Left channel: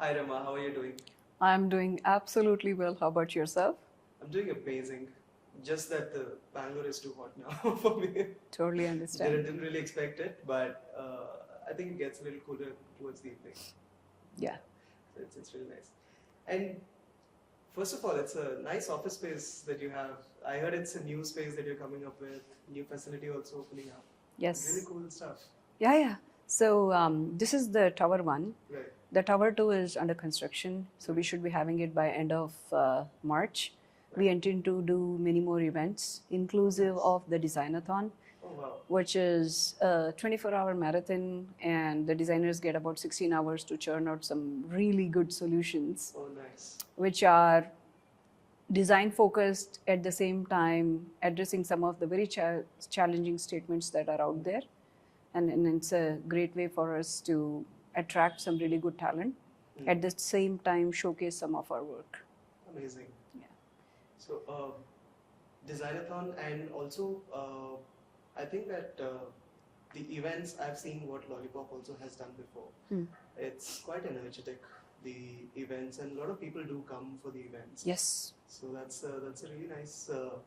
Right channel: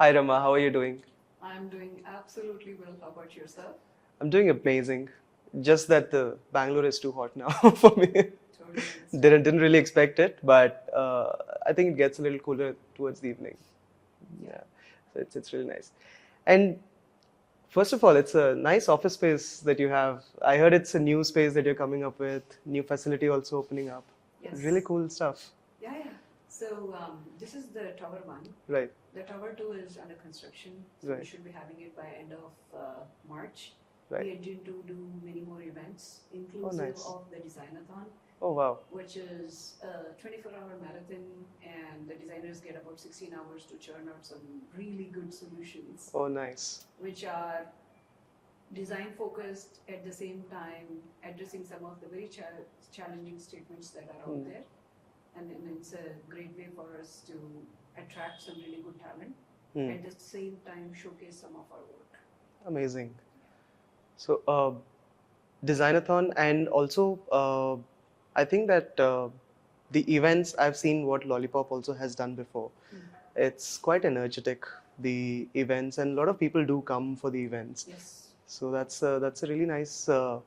Hi Rama, how are you doing? I'm doing absolutely well. How about yourself? I'm doing amazing. Just that the Bangalore is too hot now for me. Totally understand. Didn't really expect it, but I think it gets a little cooler towards the evening. Yeah. So it's really nice. And first of all, it's a nice office space that you have. I heard it's a new space that you're coming up with, new facility also opening up. Really Yes. cool stuff. Yeah. So this is the tower one. Right. The tower two is under construction. So we Right. should be having it by end of March. Right. We intend to do many more events, inclusive nice. of the Designathon, Oh wow. which is a 24-hour marathon, and the designers get about 16 hours to churn out some really good solutions, Oh nice. which are design focused at the same time addressing some of the very challenging statements that are out there, and it's a great way for us to attract some really good talent, at the same time showcase some of our work. Amazing. So, Designathon, and also I think that the events I've seen what Lollipop also has done before. It's quite energetic, the events, and a lot of people do come for the events. Yes. So that's a really nice uh,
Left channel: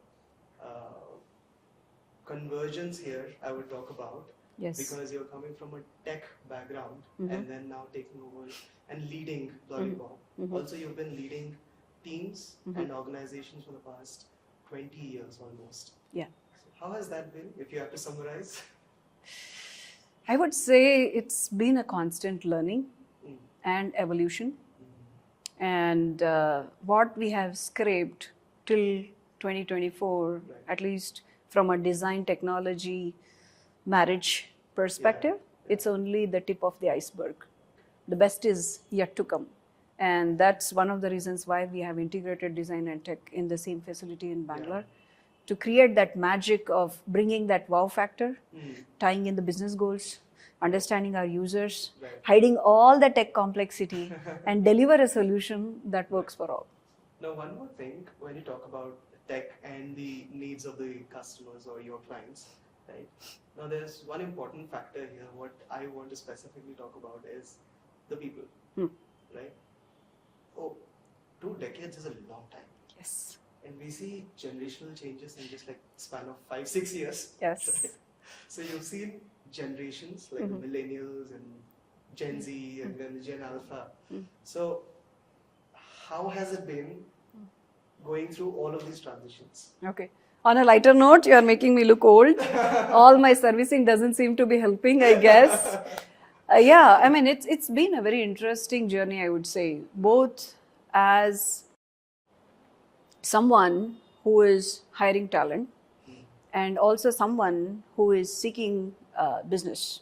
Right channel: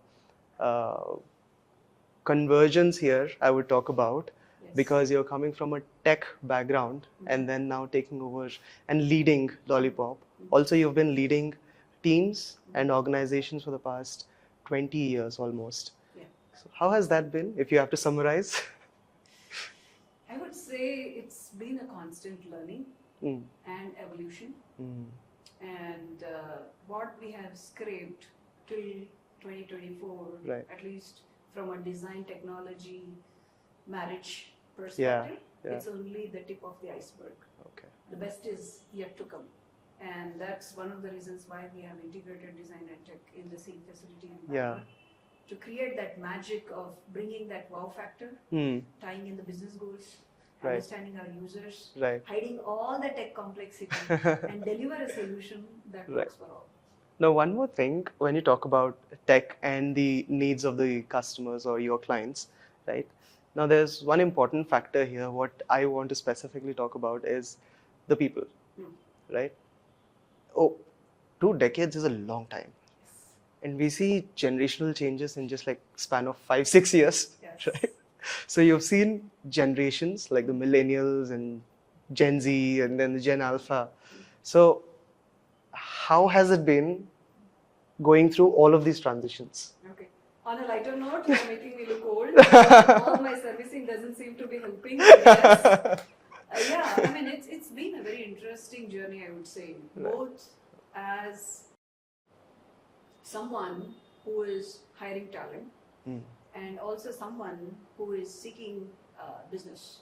convergence here I would talk about. Yes. Because you're coming from a tech background and then now taking over and leading Lollipop. Also, you've been leading teams and organizations for the past 20 years almost. Yeah. So how has that been, if you have to summarize? I would say it's been a constant learning and evolution. And what we have scraped till 2024, Right. at least from a design technology marriage perspective, it's only the tip of the iceberg. Okay. The best is yet to come. And that's one of the reasons why we have integrated design and tech in the same facility in Bangalore, to create that magic of bringing that wow factor, tying in the business goals, understanding our users, Right. hiding all the tech complexity, and deliver a solution that works for all. Now, one more thing, when you talk about tech and the needs of the customers or your clients, right? Now, there's one important factor here. What I want to specifically talk about is the people, right? Oh, 2 decades is a long time. Yes. And we see generational changes in just like span of 5-6 years. Yes. Right? So you've seen generations like the millennials and Gen Z and then the Gen Alpha. So how has it been going through all of these transitions? Okay. On a lighter note, you are making me look old. All my servicing doesn't seem to be helping, I guess. Yeah, I mean, it's been a very interesting journey, I would say, both as someone who is hiring talent and also someone who is seeking business.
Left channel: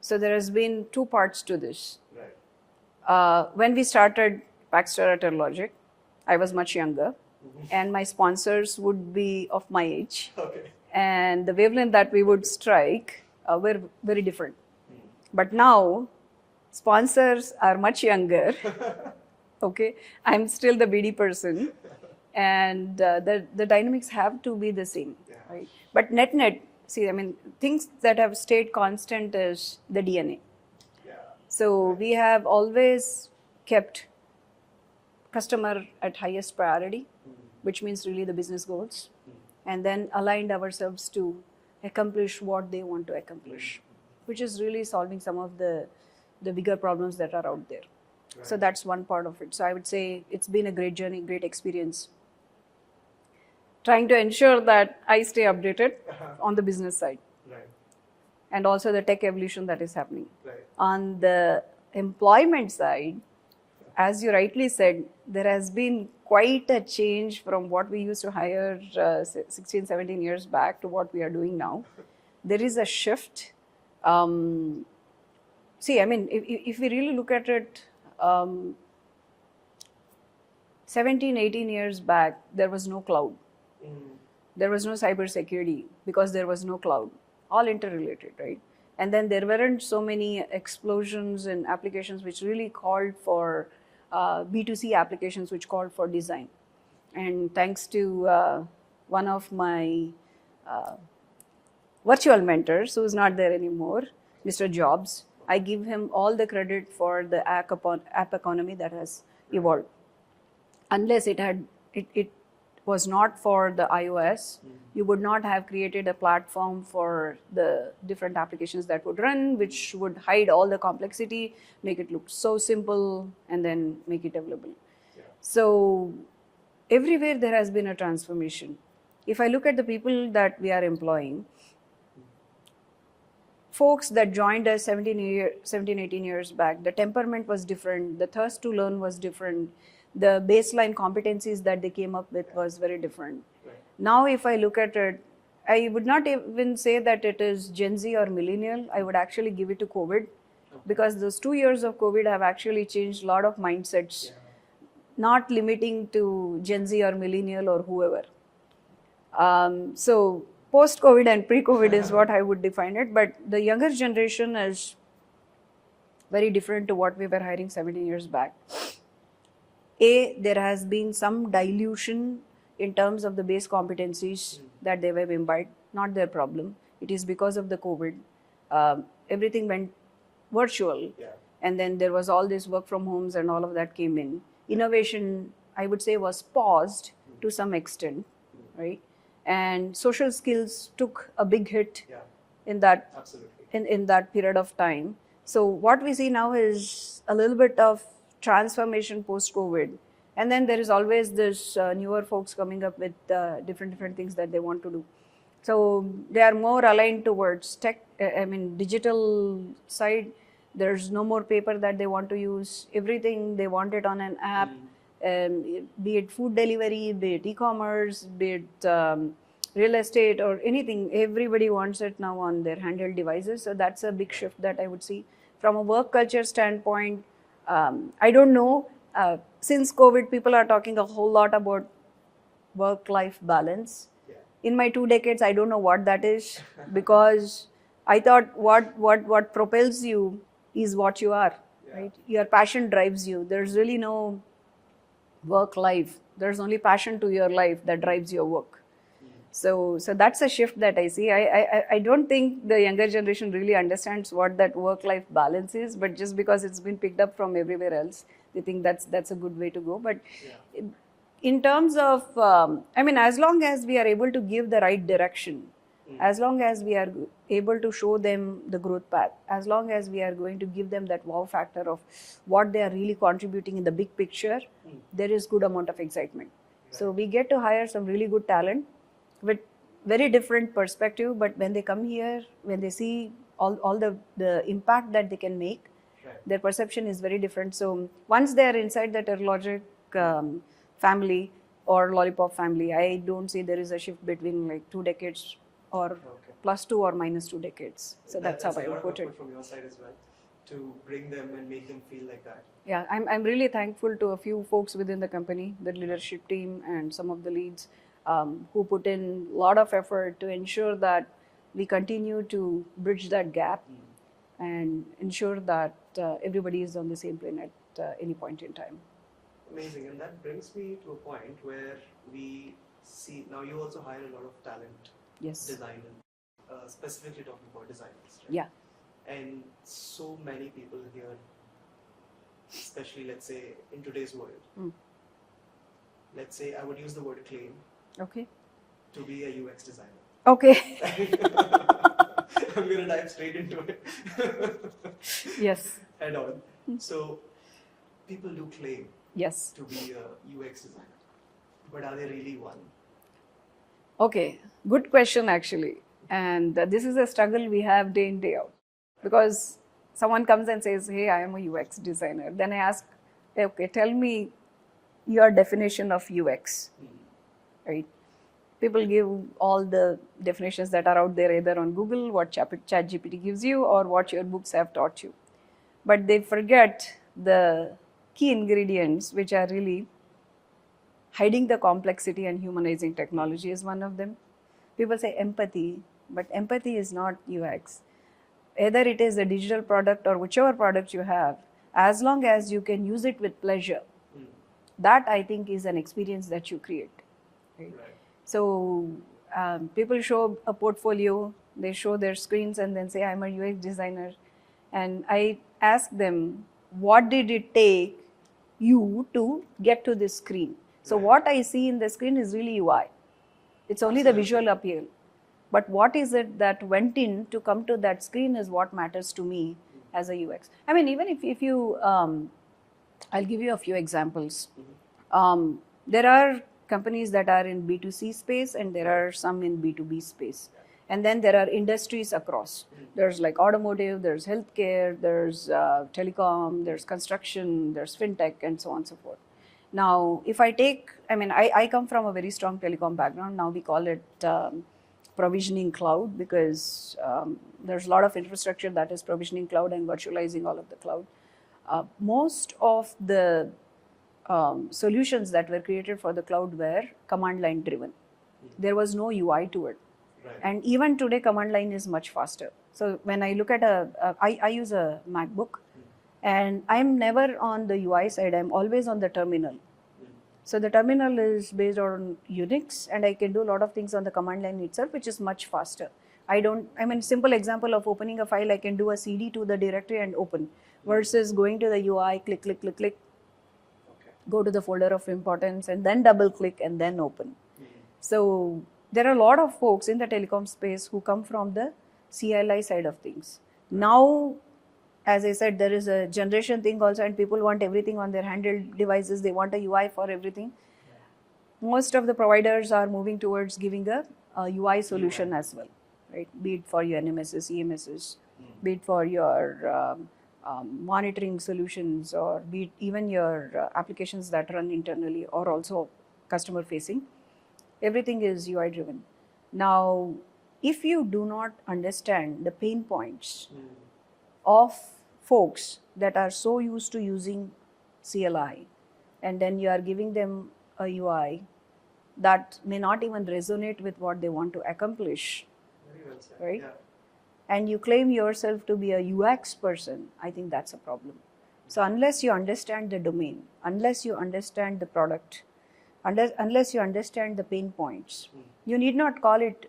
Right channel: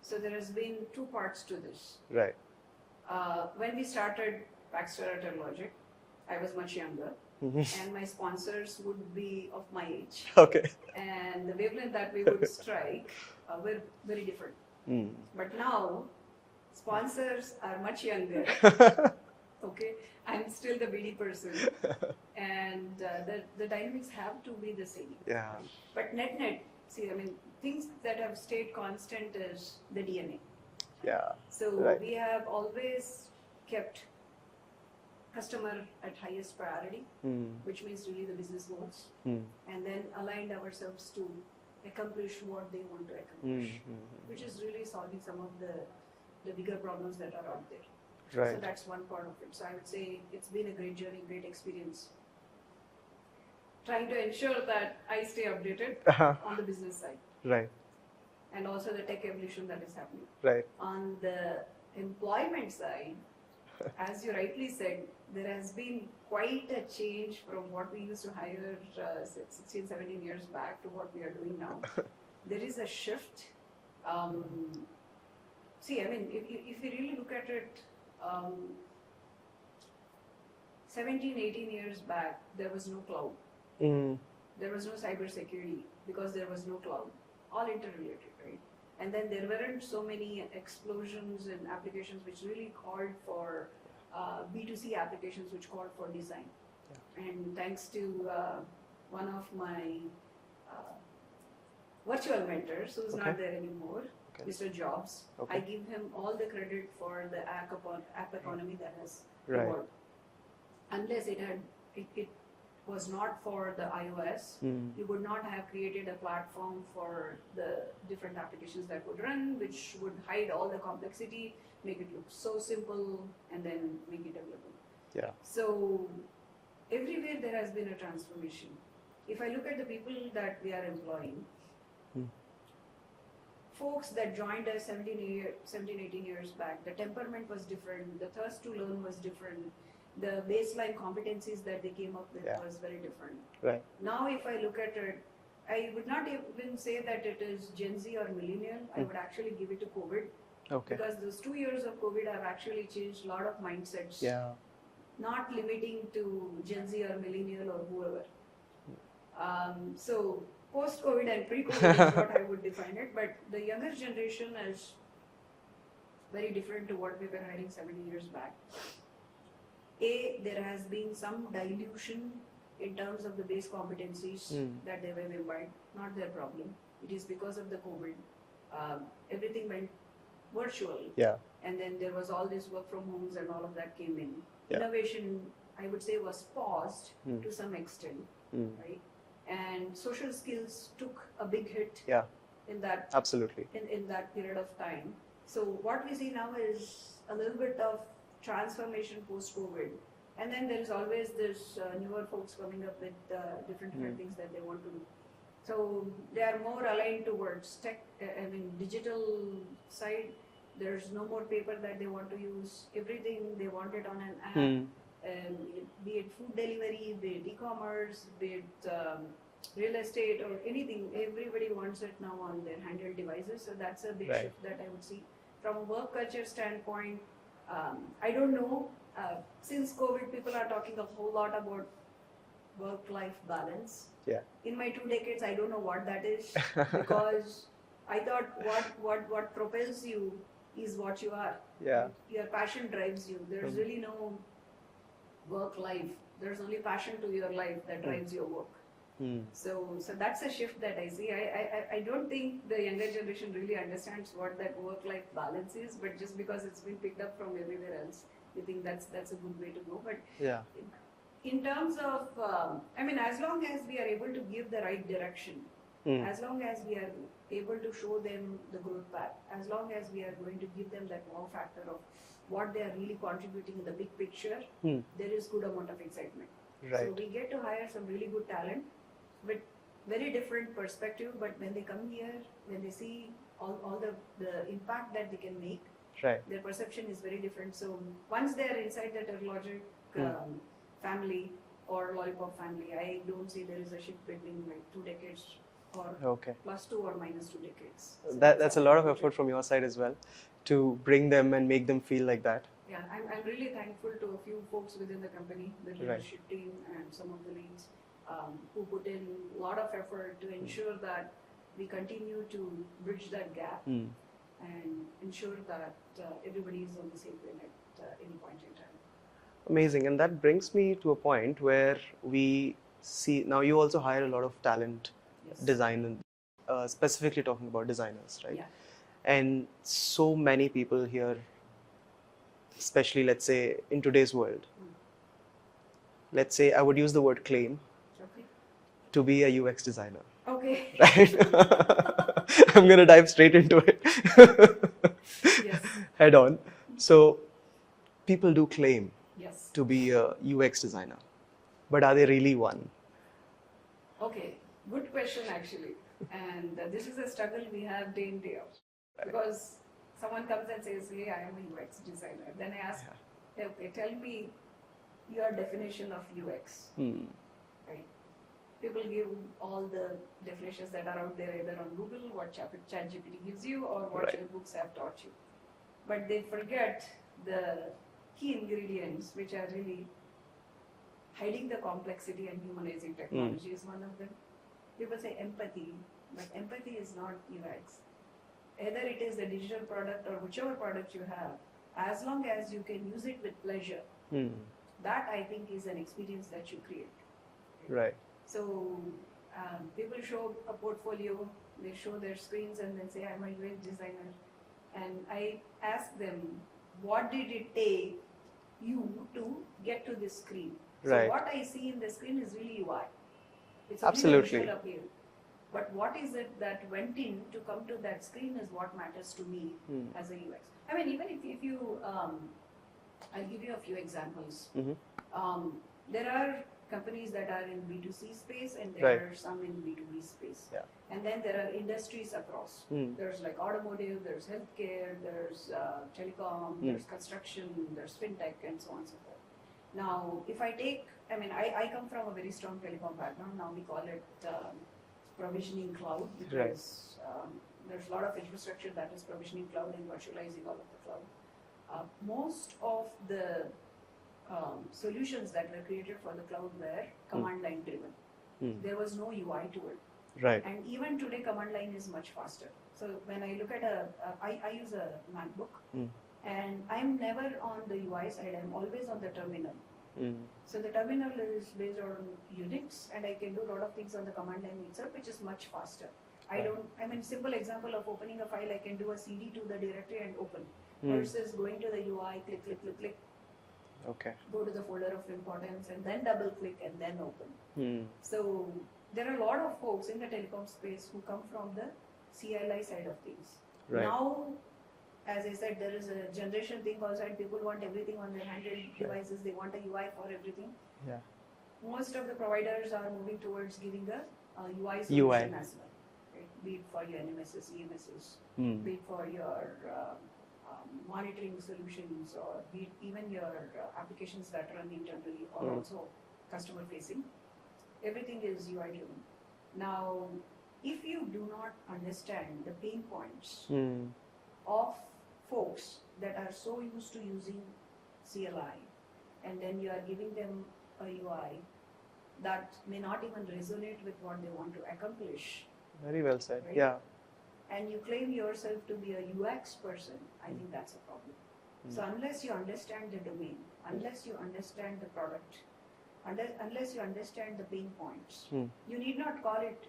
So there has been two parts to this. Right. When we started Paxter at Logic, I was much younger, and my sponsors would be of my age. Okay. And the wavelength that we would strike were very different. But now, sponsors are much younger. Okay, I'm still the BD person, and the dynamics have to be the same. Yeah. Right? But net, see, I mean, things that have stayed constant is the DNA. Yeah. So Right. we have always kept customer at highest priority, which means really the business goals, and then aligned ourselves to accomplish what they want to accomplish, which is really solving some of the bigger problems that are out there. Right. So that's one part of it. So I would say it's been a great journey, great experience. Trying to ensure that I stay updated on the business side, Right. and also the tech evolution that is happening. Right. On the employment side, as you rightly said, there has been quite a change from what we used to hire 16, 17 years back to what we are doing now. There is a shift. See, I mean, if we really look at it, 17, 18 years back, there was no cloud. There was no cybersecurity because there was no cloud. All interrelated, right? And then there weren't so many explosions in applications which really called for B2C applications which called for design. And thanks to one of my virtual mentors who's not there anymore, Mr. Jobs. Okay. I give him all the credit for the app economy that has Right. evolved. Unless it was not for the iOS, you would not have created a platform for the different applications that would run, which would hide all the complexity, make it look so simple, and then make it available. Yeah. So everywhere there has been a transformation. If I look at the people that we are employing, folks that joined us 17, 18 years back, the temperament was different, the thirst to learn was different, the baseline competencies that they came up with was very different. Right. Now, if I look at it, I would not even say that it is Gen Z or millennial. I would actually give it to COVID. Okay. Because those 2 years of COVID have actually changed a lot of mindsets. Yeah. Not limiting to Gen Z or millennial or whoever. So post-COVID and pre-COVID is what I would define it. But the younger generation is very different to what we were hiring 17 years back. There has been some dilution in terms of the base competencies that they have imbibed. Not their problem. It is because of the COVID. Everything went virtual. Yeah. And then there was all this work from homes and all of that came in. Innovation, I would say, was paused to some extent, right? And social skills took a big hit in that Absolutely. in that period of time. So what we see now is a little bit of transformation post-COVID. And then there is always this newer folks coming up with different things that they want to do. So they are more aligned towards tech, digital side. There's no more paper that they want to use. Everything they want it on an app, be it food delivery, be it e-commerce, be it real estate or anything. Everybody wants it now on their handheld devices. So that's a big shift that I would see. From a work culture standpoint, I don't know. Since COVID, people are talking a whole lot about work-life balance. Yeah. In my 2 decades, I don't know what that is because I thought what propels you is what you are. Yeah. Right? Your passion drives you. There's really no work life. There's only passion to your life that drives your work. So that's a shift that I see. I don't think the younger generation really understands what that work-life balance is, but just because it's been picked up from everywhere else, they think that's a good way to go. But in terms of, as long as we are able to give the right direction, as long as we are able to show them the growth path, as long as we are going to give them that wow factor of what they are really contributing in the big picture, there is good amount of excitement. Right. So we get to hire some really good talent with very different perspective, but when they come here, when they see all the impact that they can make, their perception is very different. So once they are inside that Terralogic family or Lollipop family, I don't see there is a shift between like 2 decades or +2 or -2 decades. So that's a lot of effort from your side as well to bring them and make them feel like that. Yeah, I'm really thankful to a few folks within the company, the leadership team and some of the leads who put in a lot of effort to ensure that we continue to bridge that gap and ensure that everybody is on the same plane at any point in time. Amazing. And that brings me to a point where we see, now you also hire a lot of talent, design, specifically talking about designers, right? Yeah. And so many people here, especially let's say in today's world, let's say I would use the word claim to be a UX designer. Okay. Right? I'm going to dive straight into it. Yes. Head on. So people do claim Yes. to be a UX designer, but are they really one? Okay, good question actually. And this is a struggle we have day in, day out. Because someone comes and says, hey, I am a UX designer. Then I ask, okay, tell me your definition of UX. Right? People give all the definitions that are out there either on Google, what ChatGPT gives you, or what your books have taught you. But they forget the key ingredients, which are really hiding the complexity and humanizing technology is one of them. People say empathy, but empathy is not UX. Either it is a digital product or whichever product you have, as long as you can use it with pleasure, that I think is an experience that you create. Right. So people show a portfolio They show their screens and then say, I'm a UX designer. And I ask them, what did it take you to get to this screen? So Right. what I see in the screen is really UI. It's only the visual appeal. But what is it that went in to come to that screen is what matters to me as a UX. I mean, even if you, I'll give you a few examples. There are companies that are in B2C space and there Right. are some in B2B space. Yeah. And then there are industries across. There's like automotive, there's healthcare, there's telecom, there's construction, there's fintech, and so on and so forth. Now, if I take, I come from a very strong telecom background. Now we call it provisioning cloud because there's a lot of infrastructure that is provisioning cloud and virtualizing all of the cloud. Most of the solutions that were created for the cloud were command line driven. There was no UI to it. Right. And even today, command line is much faster. So when I look at I use a MacBook, and I'm never on the UI side. I'm always on the terminal. So the terminal is based on Unix, and I can do a lot of things on the command line itself, which is much faster. Simple example of opening a file, I can do a CD to the directory and open, versus going to the UI, click, click, click, click. Okay. Go to the folder of importance and then double click and then open. So there are a lot of folks in the telecom space who come from the CLI side of things. Right. Now, as I said, there is a generation thing also, and people want everything on their handheld devices. They want a UI for everything. Yeah. Most of the providers are moving towards giving a UI solution UI. as well, right? Be it for your NMSs, EMSs, be it for your monitoring solutions, or be it even your applications that run internally or also customer facing. Everything is UI driven. Now, if you do not understand the pain points of folks that are so used to using CLI, and then you are giving them a UI that may not even resonate with what they want to accomplish. Very well said. Right? Yeah. And you claim yourself to be a UX person, I think that's a problem. So unless you understand the domain, unless you understand the product, unless you understand the pain points, you need not call it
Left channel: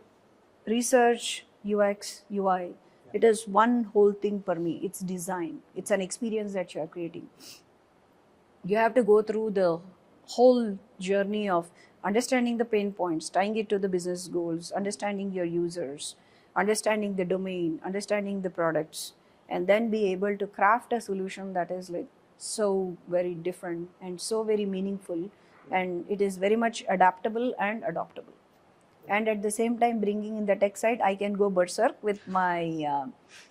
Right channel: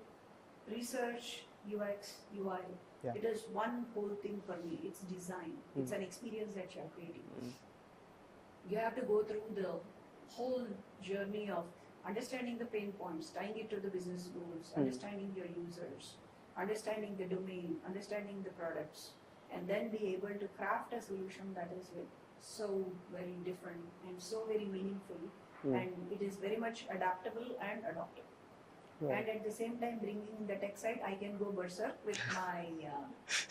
research, UX, UI. Yeah. It is one whole thing for me. It's design. It's an experience that you are creating. You have to go through the whole journey of understanding the pain points, tying it to the business goals, understanding your users, understanding the domain, understanding the products, and then be able to craft a solution that is like so very different and so very meaningful, and it is very much adaptable and adoptable. And at the same time, bringing in the tech side, I can go berserk with my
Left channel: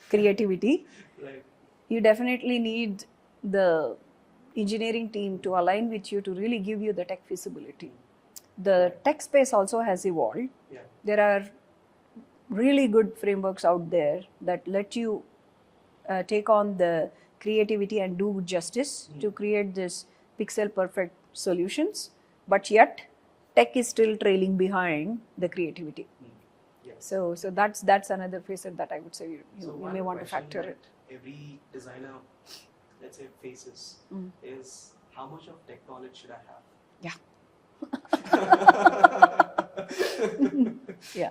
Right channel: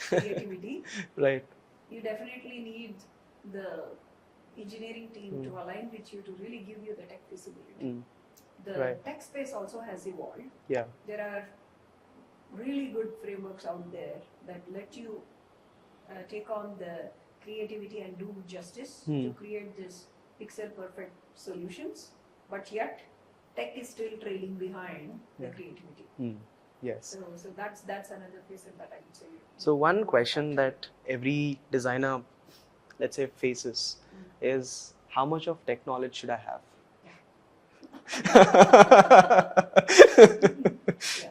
creativity. Right. You definitely need the engineering team to align with you to really give you the tech feasibility. The tech space also has evolved. Yeah. There are really good frameworks out there that let you take on the creativity and do justice to create this pixel perfect solutions, but yet tech is still trailing behind the creativity. Yes. So that's another facet that I would say. So one want to question factor that every designer, let's say, faces is, how much of tech knowledge should I have? Yeah.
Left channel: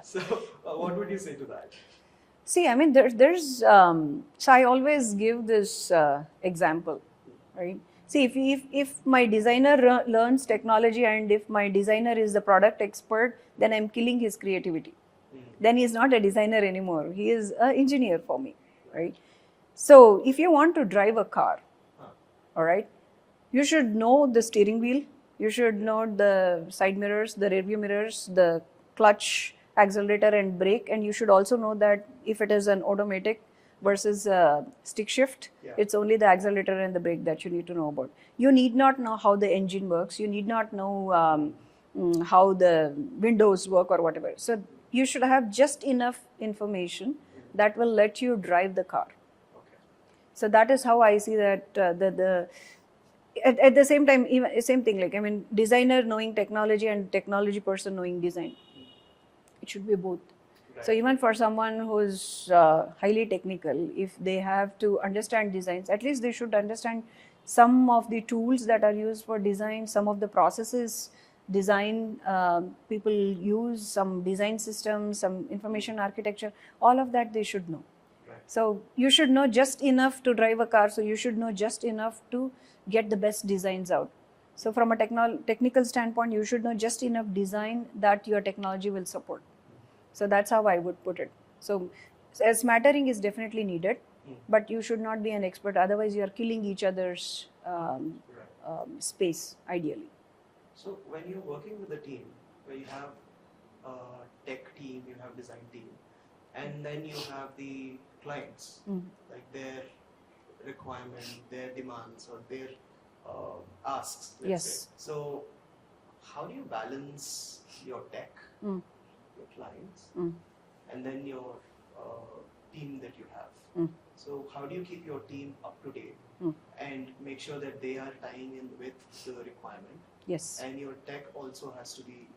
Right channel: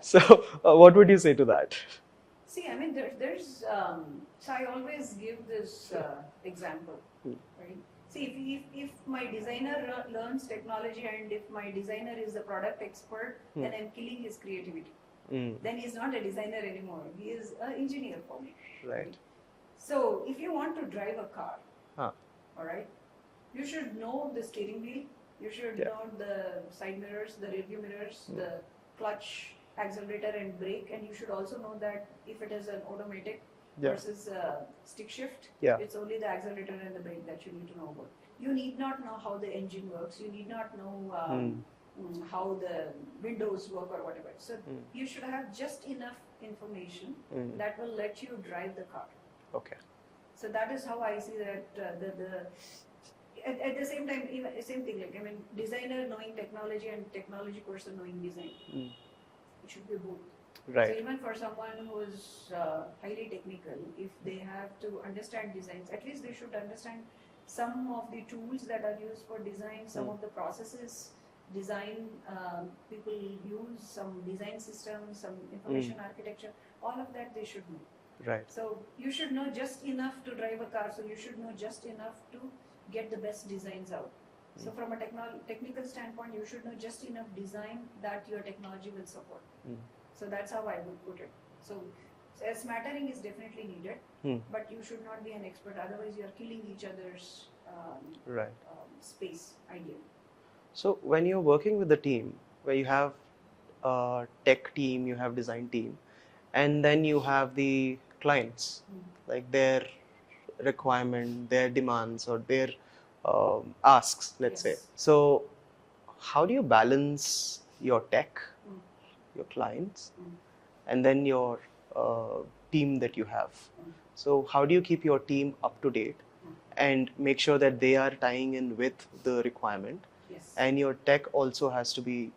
So what would you say to that? See, I mean, there's so I always give this example, right? See, if my designer learns technology and if my designer is the product expert, then I'm killing his creativity. Then he's not a designer anymore. He is an engineer for me, right? So if you want to drive a car, all right, you should know the steering wheel. You should know the side mirrors, the rear view mirrors, the clutch, accelerator and brake, and you should also know that if it is an automatic versus stick shift, it's only the accelerator and the brake that you need to know about. You need not know how the engine works. You need not know how the windows work or whatever. So you should have just enough information that will let you drive the car. Okay. So that is how I see that at the same time, even same thing, like, I mean, designer knowing technology and technology person knowing design. It should be both. Right. So even for someone who's highly technical, if they have to understand designs, at least they should understand some of the tools that are used for design, some of the processes design people use, some design systems, some information architecture, all of that they should know. Right. So you should know just enough to drive a car, so you should know just enough to get the best designs out. So from a technical standpoint, you should know just enough design that your technology will support. So that's how I would put it. So smattering is definitely needed, but you should not be an expert, otherwise you are killing each other's space, ideally. So when you're working with the team, where you have a tech team, you have design team, and then you have the clients, like their requirement, their demands, or their asks, let's say. So how do you balance your tech, your clients, and then your team that you have? So how do you keep your team up to date and make sure that they are tying in with the requirement? Yes. And your tech also has to be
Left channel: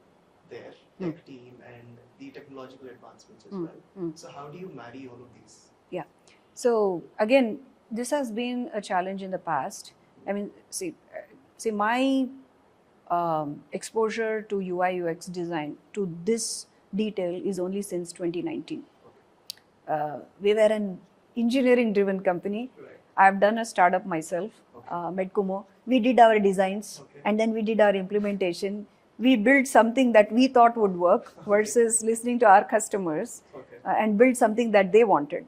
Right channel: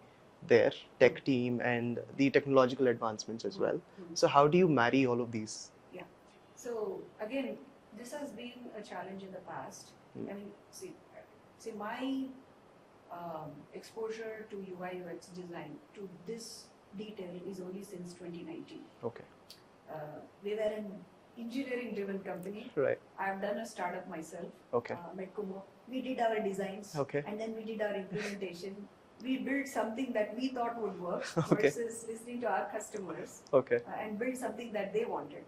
there, tech team and the technological advancements as well. So how do you marry all of these? Yeah. So again, this has been a challenge in the past. I mean, see my exposure to UI UX design to this detail is only since 2019. Okay. We were an engineering driven company. Right. I've done a startup myself, Okay. Medcumo. We did our designs, okay, and then we did our implementation. We built something that we thought would work versus listening to our customers, okay, and build something that they wanted,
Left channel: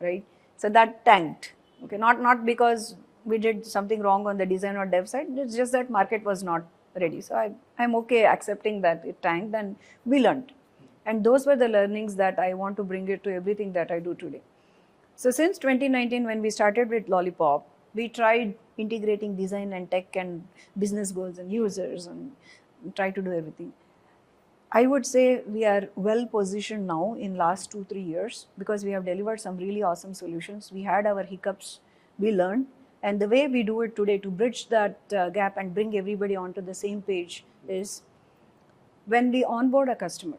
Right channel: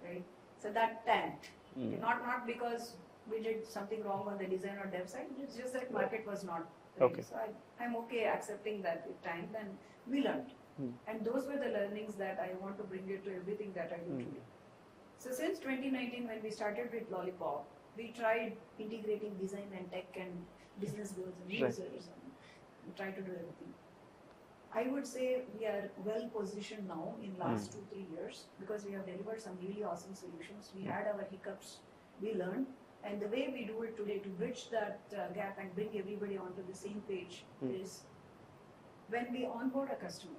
right? So that tanked. Okay, not because we did something wrong on the design or dev side. It's just that market was not ready. Okay. So I'm okay accepting that it tanked, and we learned. And those were the learnings that I want to bring it to everything that I do today. So since 2019, when we started with Lollipop, we tried integrating design and tech and business goals and users and try to do everything. I would say we are well positioned now in last 2-3 years, because we have delivered some really awesome solutions. We had our hiccups, we learned, and the way we do it today to bridge that gap and bring everybody onto the same page is when we onboard a customer,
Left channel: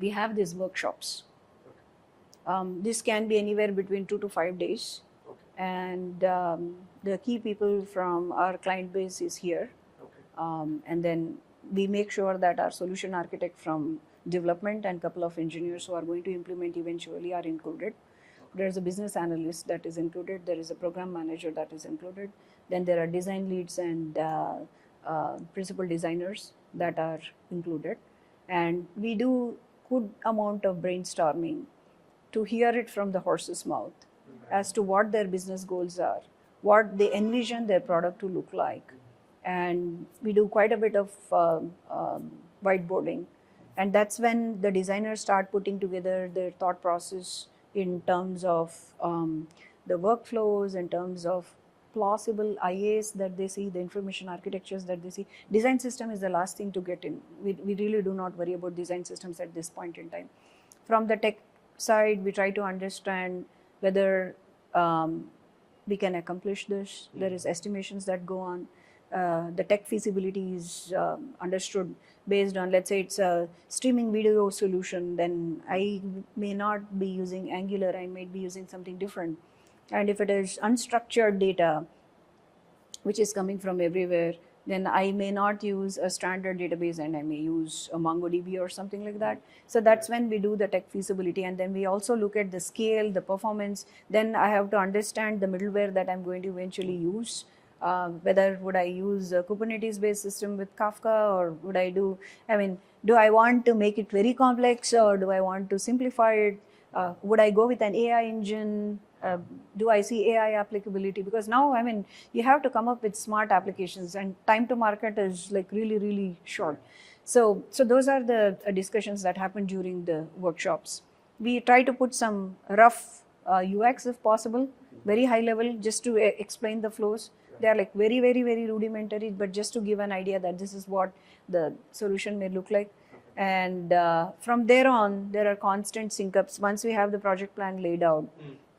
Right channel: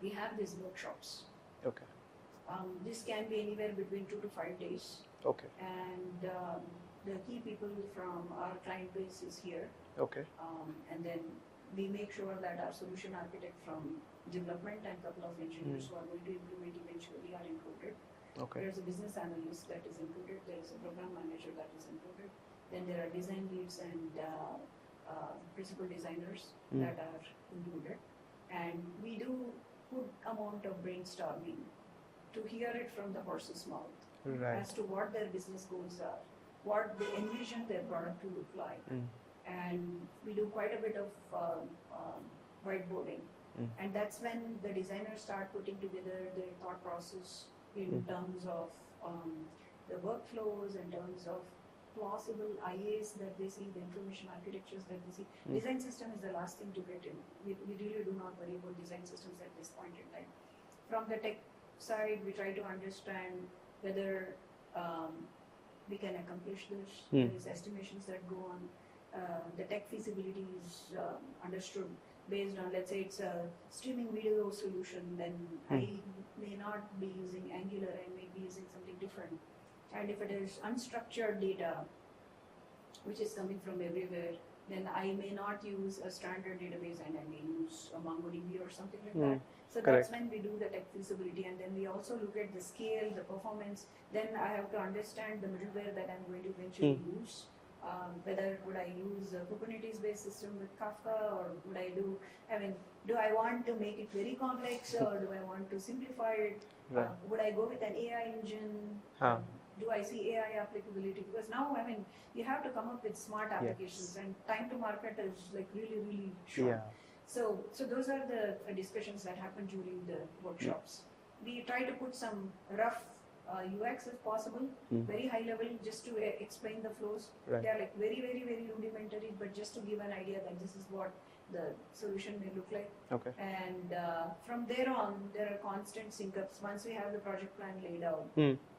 we have these workshops. okay, This can be anywhere between 2 to 5 days. okay, And the key people from our client base is here. okay, And then we make sure that our solution architect from development and couple of engineers who are going to implement eventually are included. okay, There's a business analyst that is included. There is a program manager that is included. Then there are design leads and principal designers that are included. And we do good amount of brainstorming to hear it from the horse's mouth as to what their business goals are, what they envision their product to look like. And we do quite a bit of whiteboarding. And that's when the designers start putting together their thought process in terms of the workflows, in terms of plausible IAs that they see, the information architectures that they see. Design system is the last thing to get in. We really do not worry about design systems at this point in time. From the tech side, we try to understand whether we can accomplish this. There is estimations that go on. The tech feasibility is understood based on, let's say it's a streaming video solution, then I may not be using Angular, I might be using something different. And if it is unstructured data, which is coming from everywhere, then I may not use a standard database and I may use a MongoDB or something like that. So that's when we do the tech feasibility, and then we also look at the scale, the performance. Then I have to understand the middleware that I'm going to eventually use. Whether would I use a Kubernetes based system with Kafka, or would I do I want to make it very complex, or do I want to simplify it? Would I go with an AI engine? Do I see AI applicability? Because now, you have to come up with smart applications, and time to market is like really, really short. So those are the discussions that happen during the workshops. We try to put some rough UX if possible, very high level, just to explain the flows. They are like very, very, very rudimentary, but just to give an idea that this is what the solution may look like. And from there on, there are constant sync-ups. Once we have the project plan laid out,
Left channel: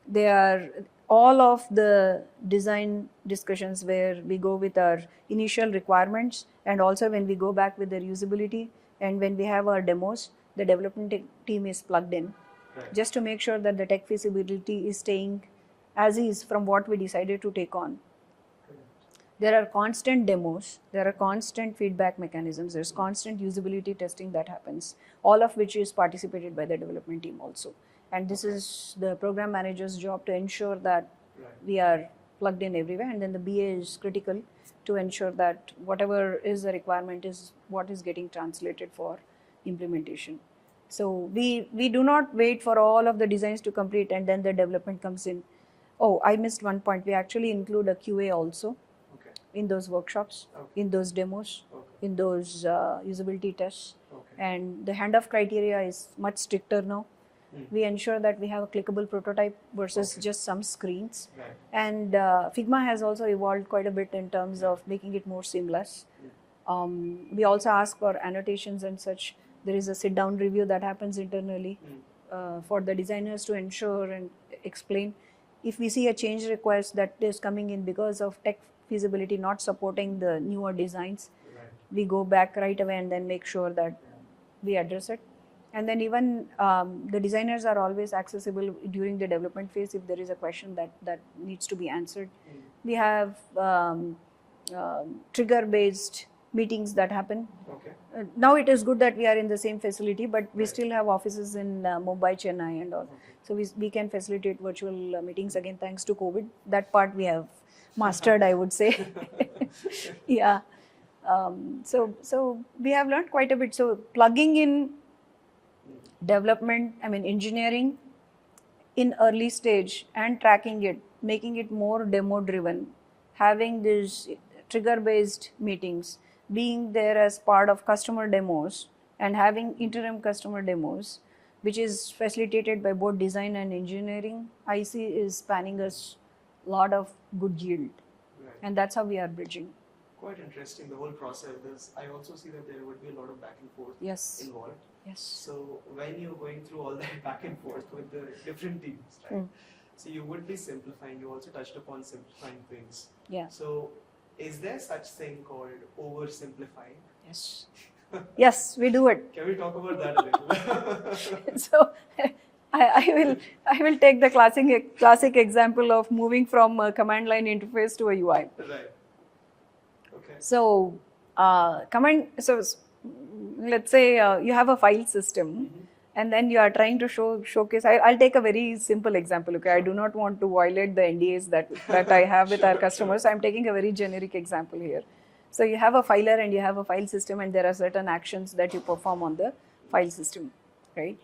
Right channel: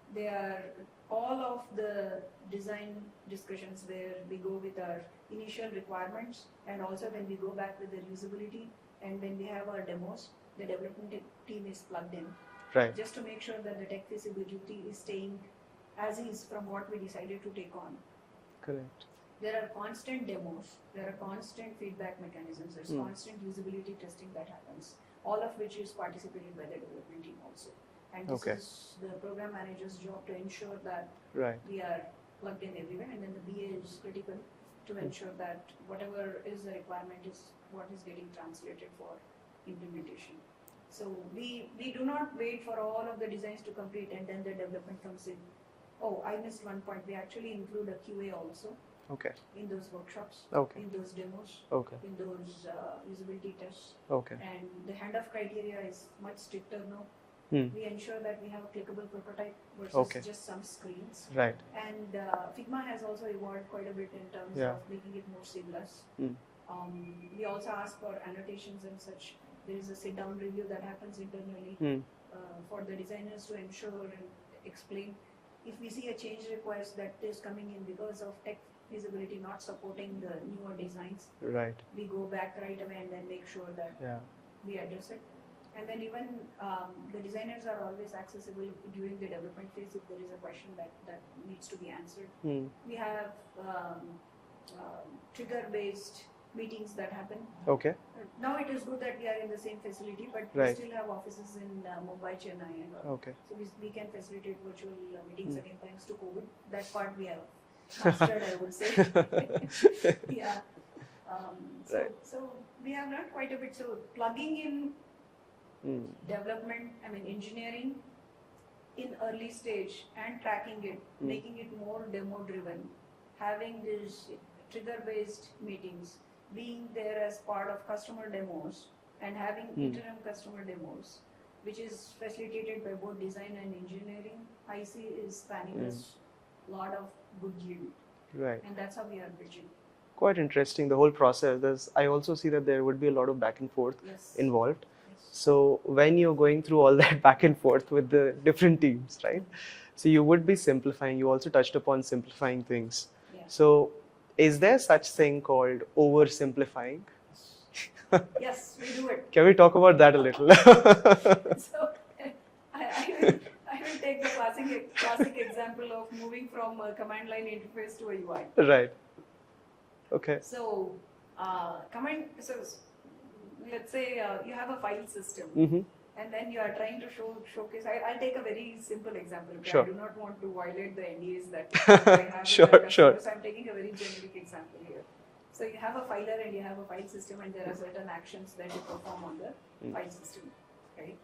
they are all of the design discussions where we go with our initial requirements, and also when we go back with their usability, and when we have our demos, the development team is plugged in. Just to make sure that the tech feasibility is staying as is from what we decided to take on. Correct. there are constant demos, there are constant feedback mechanisms, there's constant usability testing that happens, all of which is participated by the development team also. And this is the program manager's job to ensure that we are plugged in everywhere, and then the BA is critical to ensure that whatever is the requirement is what is getting translated for implementation. So we do not wait for all of the designs to complete and then the development comes in. Oh, I missed one point. We actually include a QA also. Okay. In those workshops, in those demos, in those usability tests. And the handoff criteria is much stricter now. We ensure that we have a clickable prototype versus just some screens. Right. And Figma has also evolved quite a bit in terms of making it more seamless. We also ask for annotations and such. There is a sit-down review that happens internally for the designers to ensure and explain. If we see a change request that is coming in because of tech feasibility not supporting the newer designs, we go back right away and then make sure that we address it. And then even the designers are always accessible during the development phase if there is a question that needs to be answered. We have trigger-based meetings that happen. Now it is good that we are in the same facility, but we still have offices in Mumbai, Chennai and all. So we can facilitate virtual meetings again thanks to COVID. That part we have mastered, I would say. Yeah. So we have learned quite a bit. So plugging in development, engineering in early stage and tracking it, making it more demo driven, having these trigger based meetings, being there as part of customer demos and having interim customer demos, which is facilitated by both design and engineering, I see is spanning us a lot of good yield. And that's how we are bridging. Quite interesting, the whole process. I also see that there would be a lot of back and forth involved. So when you're going through all that back and forth with the different teams, right? So you would be simplifying. You also touched upon simplifying things. So is there such thing called oversimplifying? Yes, we do it. Can we talk about that a little? So I will take the classic example of moving from a command line interface to a UI. Right. Okay. So let's say you have a file system and then you are trying to showcase. I'll take a very simple example. Okay, I do not want to violate the NDAs that I have with our customers. So I'm taking a very generic example here. So you have a filer and you have a file system and there are certain actions that you perform on the file system, right?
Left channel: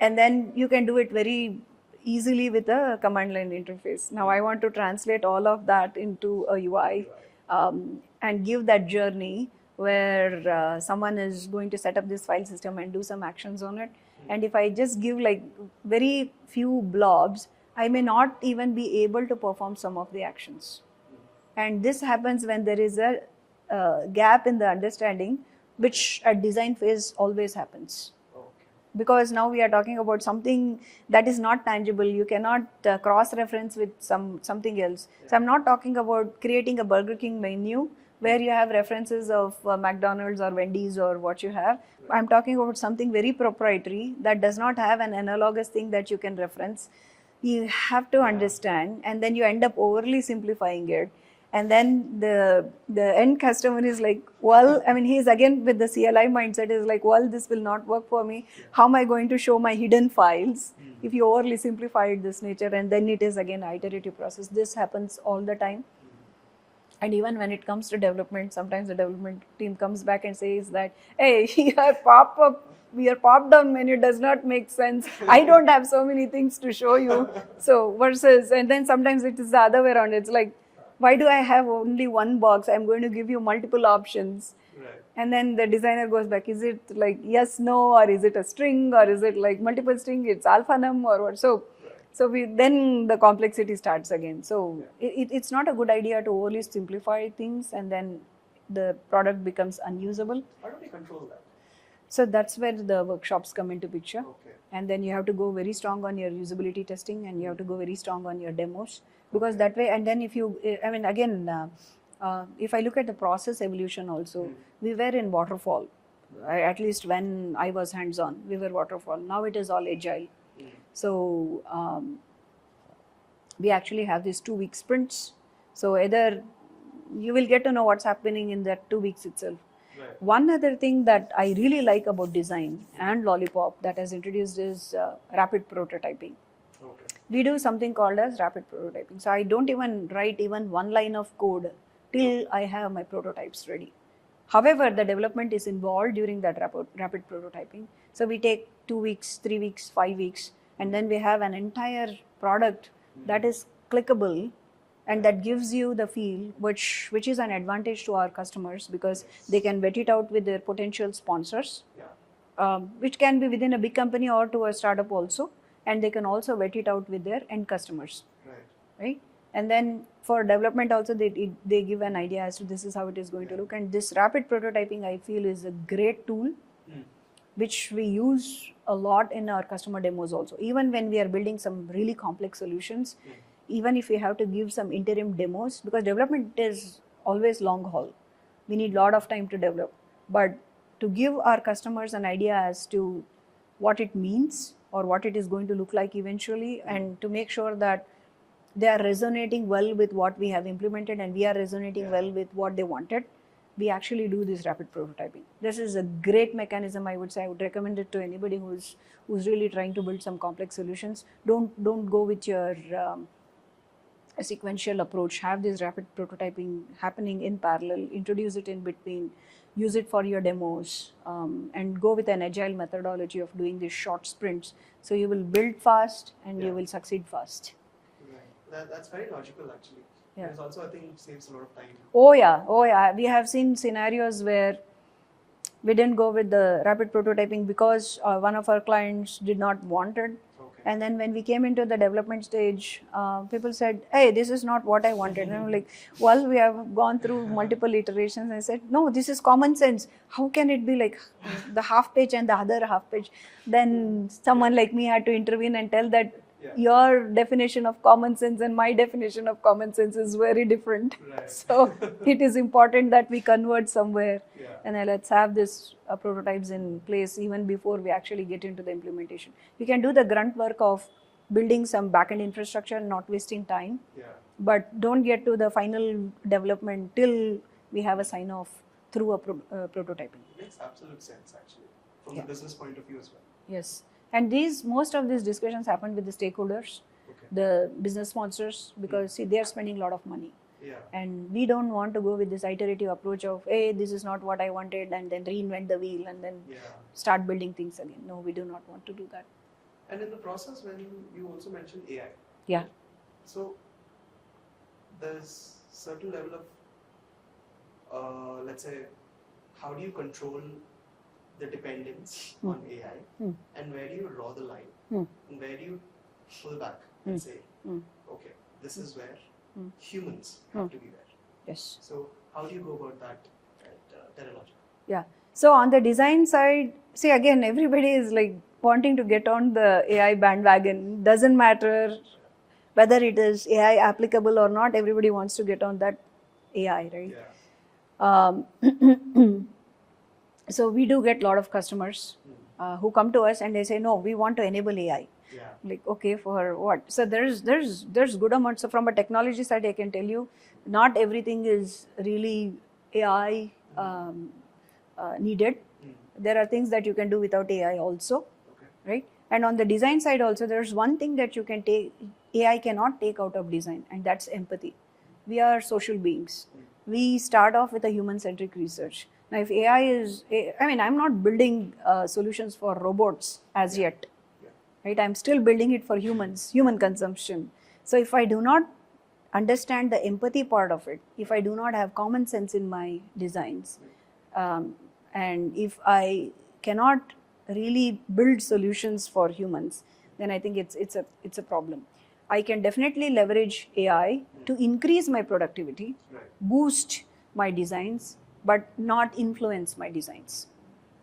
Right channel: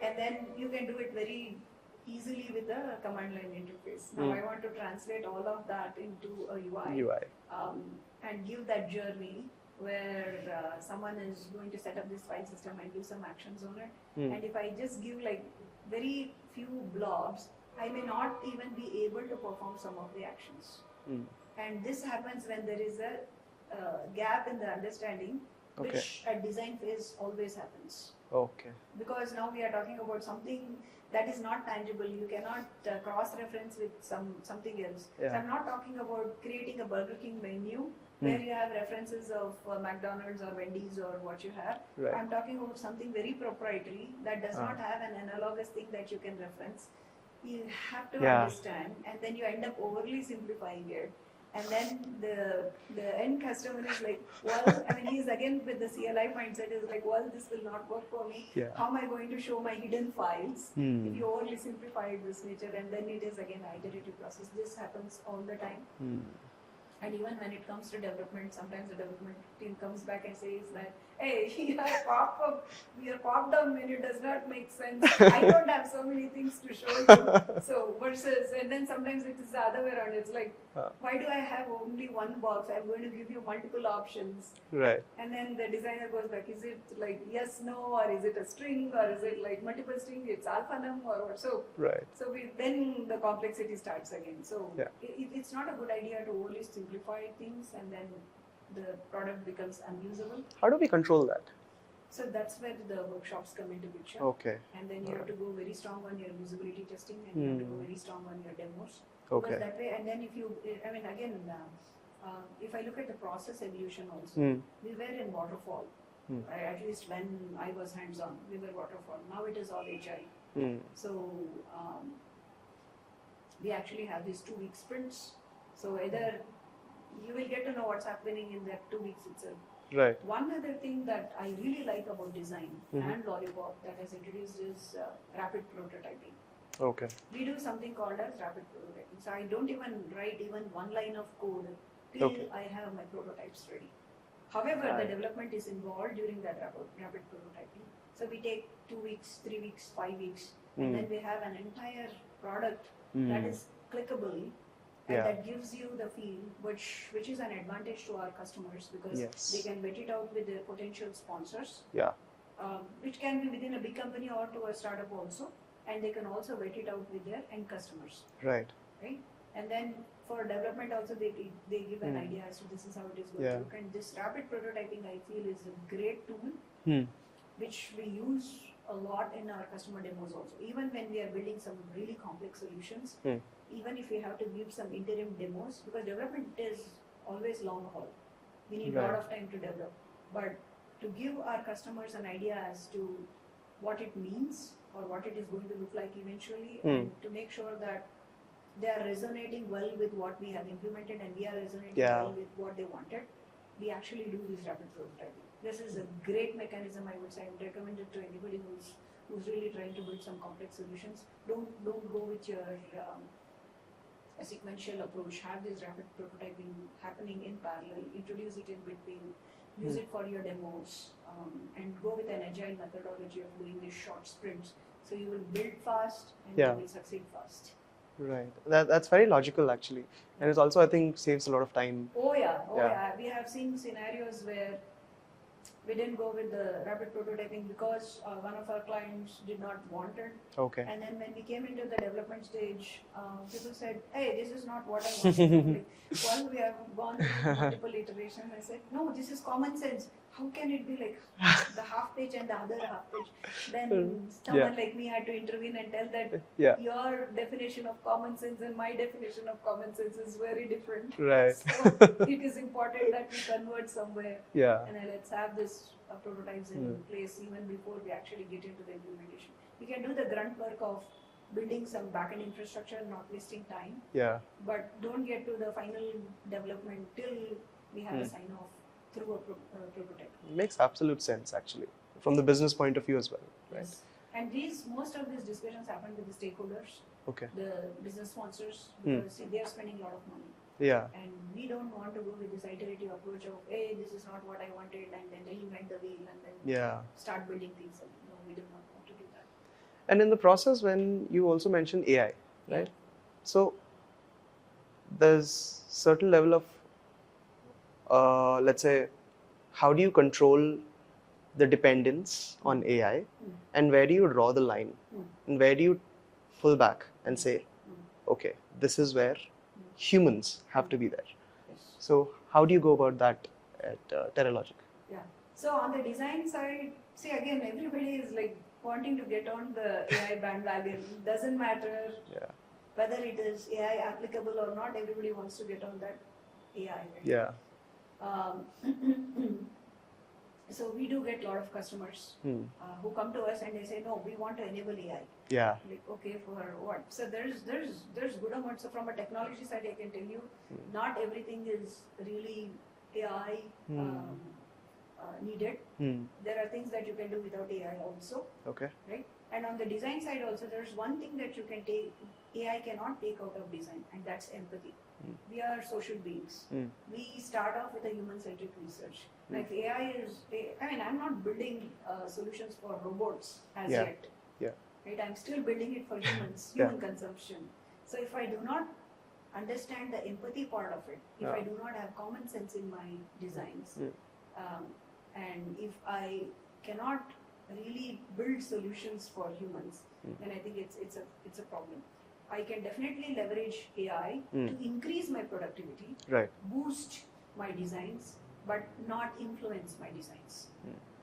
And then you can do it very easily with a command line interface. Now I want to translate all of that into a UI. And give that journey where someone is going to set up this file system and do some actions on it. And if I just give like very few blobs, I may not even be able to perform some of the actions. And this happens when there is a gap in the understanding, which at design phase always happens. Because now we are talking about something that is not tangible. You cannot cross-reference with something else. So I'm not talking about creating a Burger King menu where you have references of McDonald's or Wendy's or what you have. I'm talking about something very proprietary that does not have an analogous thing that you can reference. You have to understand, and then you end up overly simplifying it. And then the end customer is like, well, he's again with the CLI mindset is like, well, this will not work for me. How am I going to show my hidden files if you overly simplify it this nature? And then it is again an iterative process. This happens all the time. And even when it comes to development, sometimes the development team comes back and says that, hey, your pop-down menu does not make sense. I don't have so many things to show you. So versus, and then sometimes it is the other way around. It's like, why do I have only one box? I'm going to give you multiple options. And then the designer goes back, is it like yes, no, or is it a string, or is it like multiple string, it's alphanum or what? So, then the complexity starts again. So it's not a good idea to overly simplify things and then the product becomes unusable. How do we control that? So that's where the workshops come into picture. And then you have to go very strong on your usability testing and you have to go very strong on your demos. Because that way, and then if you, if I look at the process evolution also, we were in waterfall. At least when I was hands-on, we were waterfall. Now it is all agile. So we actually have these 2-week sprints. So either you will get to know what's happening in that 2 weeks itself. Right. One other thing that I really like about design Mhm. and Lollipop that has introduced is rapid prototyping. Okay. We do something called as rapid prototyping. So I don't even write even one line of code till Okay. I have my prototypes ready. However, the development is involved during that rapid prototyping. So we take 2 weeks, 3 weeks, 5 weeks, and then we have an entire product that is clickable and Yeah. that gives you the feel, which is an advantage to our customers because Yes. they can vet it out with their potential sponsors, Yeah. which can be within a big company or to a startup also, and they can also vet it out with their end customers, Right. right? And then for development also they give an idea as to this is how it is going Yeah. to look. And this rapid prototyping I feel is a great tool which we use a lot in our customer demos also. Even when we are building some really complex solutions, even if we have to give some interim demos, because development is always long haul. We need a lot of time to develop. But to give our customers an idea as to what it means or what it is going to look like eventually, and to make sure that they are resonating well with what we have implemented and we are resonating well with what they wanted, we actually do this rapid prototyping. This is a great mechanism. I would say I would recommend it to anybody who's really trying to build some complex solutions. Don't go with your a sequential approach. Have this rapid prototyping happening in parallel, introduce it in between, use it for your demos, and go with an agile methodology of doing these short sprints. So you will build fast and you will succeed fast. Right. That's very logical actually. And it also, I think, saves a lot of time. Oh yeah. We have seen scenarios where we didn't go with the rapid prototyping because one of our clients did not want it. Okay. And then when we came into the development stage, people said, hey, this is not what I wanted. And I'm like, well, we have gone through multiple iterations. I said, no, this is common sense. How can it be like the half page and the other half page? Then someone like me had to intervene and tell that your definition of common sense and my definition of common sense is very different. Right. So it is important that we converge somewhere. Yeah. And let's have this prototypes in place even before we actually get into the implementation. We can do the grunt work of building some backend infrastructure, not wasting time. Yeah. But don't get to the final development till we have a sign off through a prototyping. It makes absolute sense actually, from the business point of view as well. Yes. And most of these discussions happen with the stakeholders, the business sponsors, because see, they are spending a lot of money. Yeah. And we don't want to go with this iterative approach of, hey, this is not what I wanted, and then reinvent the wheel and then start building things again. No, we do not want to do that. And in the process, when you also mentioned AI, right? So there's certain level of, let's say, how do you control the dependence on AI, and where do you draw the line, and where do you pull back and say, okay, this is where humans have to be there. Yes. So how do you go about that at Terralogic? Yeah. So on the design side, see, again, everybody is like wanting to get on the AI bandwagon. Doesn't matter whether it is AI applicable or not. Everybody wants to get on that AI, right? Yeah. So we do get a lot of customers who come to us and they say, no, we want to enable AI. Yeah. Like, okay, for what? So there's good amounts. So from a technology side, I can tell you, not everything is really AI needed. There are things that you can do without AI also. Okay. Right? And on the design side also, there's one thing that you can take, AI cannot take out of design, and that's empathy. We are social beings. We start off with a human-centric research. Now, if AI is, I mean, I'm not building solutions for robots as yet. Right? I'm still building it for humans, human consumption. So if I do not understand the empathy part of it, if I do not have common sense in my designs, and if I cannot really build solutions for humans, then I think it's a problem. I can definitely leverage AI to increase my productivity, boost my designs, but not influence my designs.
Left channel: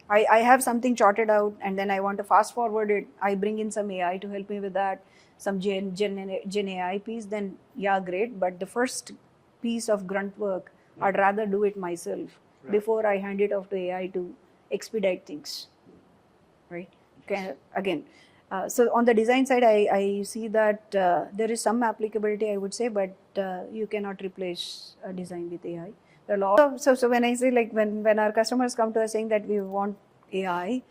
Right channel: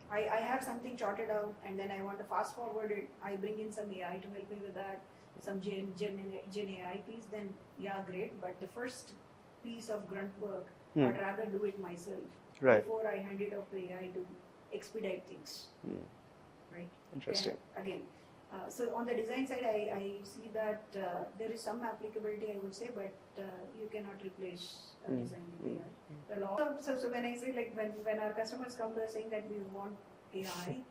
I have something charted out and then I want to fast forward it. I bring in some AI to help me with that, some Gen AI piece, then yeah, great. But the first piece of grunt work, I'd rather do it myself before I hand it off to AI to expedite things. Right? Again, So on the design side, I see that there is some applicability, I would say, but you cannot replace design with AI. There are so when I say, like, when our customers come to us saying that we want AI,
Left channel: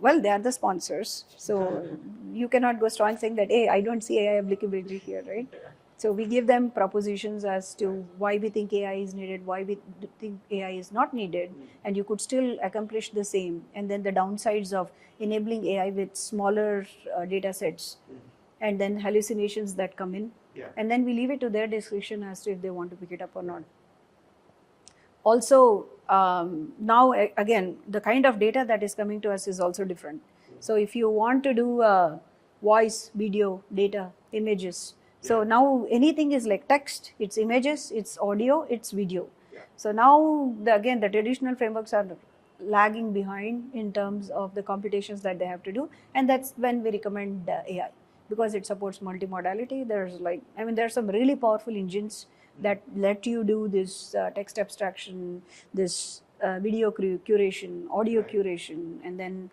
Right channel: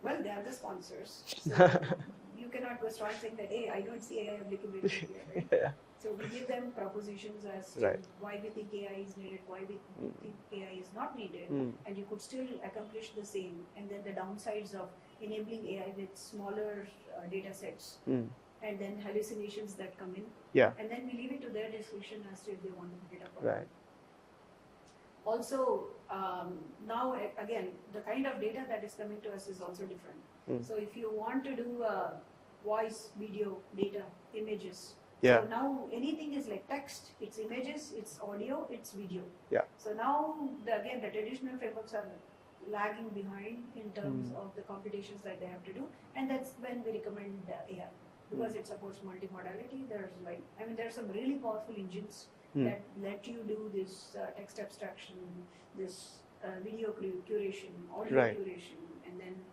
well, they are the sponsors. So you cannot go strong saying that, hey, I don't see AI applicability here, right? Yeah. So we give them propositions as to Right. why we think AI is needed, why we think AI is not needed, and you could still accomplish the same. And then the downsides of enabling AI with smaller data sets, and then hallucinations that come in. Yeah. And then we leave it to their discretion as to if they want to pick it up or not. Right. Also, now again, the kind of data that is coming to us is also different. So if you want to do voice, video, data, images, so Yeah. now anything is like text, it's images, it's audio, it's video. Yeah. So now again, the traditional frameworks are lagging behind in terms of the computations that they have to do, and that's when we recommend AI, because it supports multimodality. There's there are some really powerful engines that let you do this text abstraction, this video curation, audio Right. curation, and then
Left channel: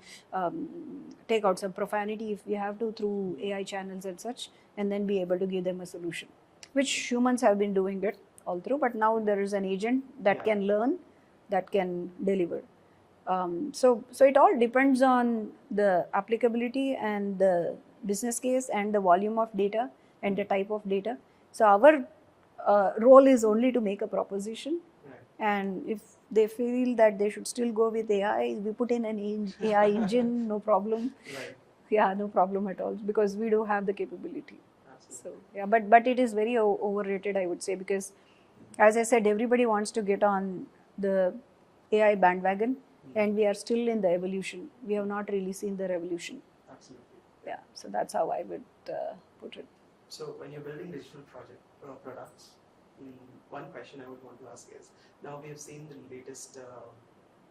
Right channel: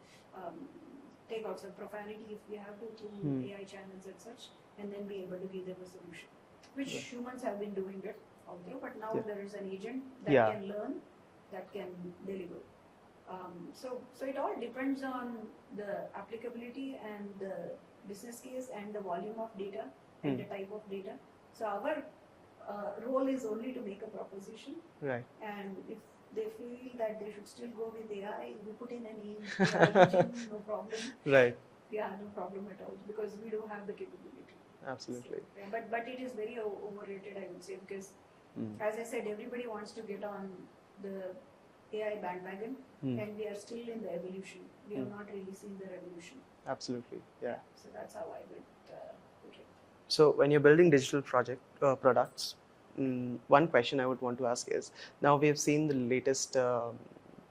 take out some profanity if we have to through AI channels and such, and then be able to give them a solution, which humans have been doing it all through, but now there is an agent that Yeah. can learn, that can deliver. So it all depends on the applicability and the business case and the volume of data and the type of data. So our role is only to make a proposition, Right. and if they feel that they should still go with AI, we put in an AI engine, no problem. Right. Yeah, no problem at all, because we do have the capability. Absolutely. So, yeah, but it is very overrated, I would say, because as I said, everybody wants to get on the AI bandwagon, and we are still in the evolution. We have not really seen the revolution. Absolutely. Yeah, so that's how I would put it. So when you're building digital products, one question I would want to ask is, now we have seen the latest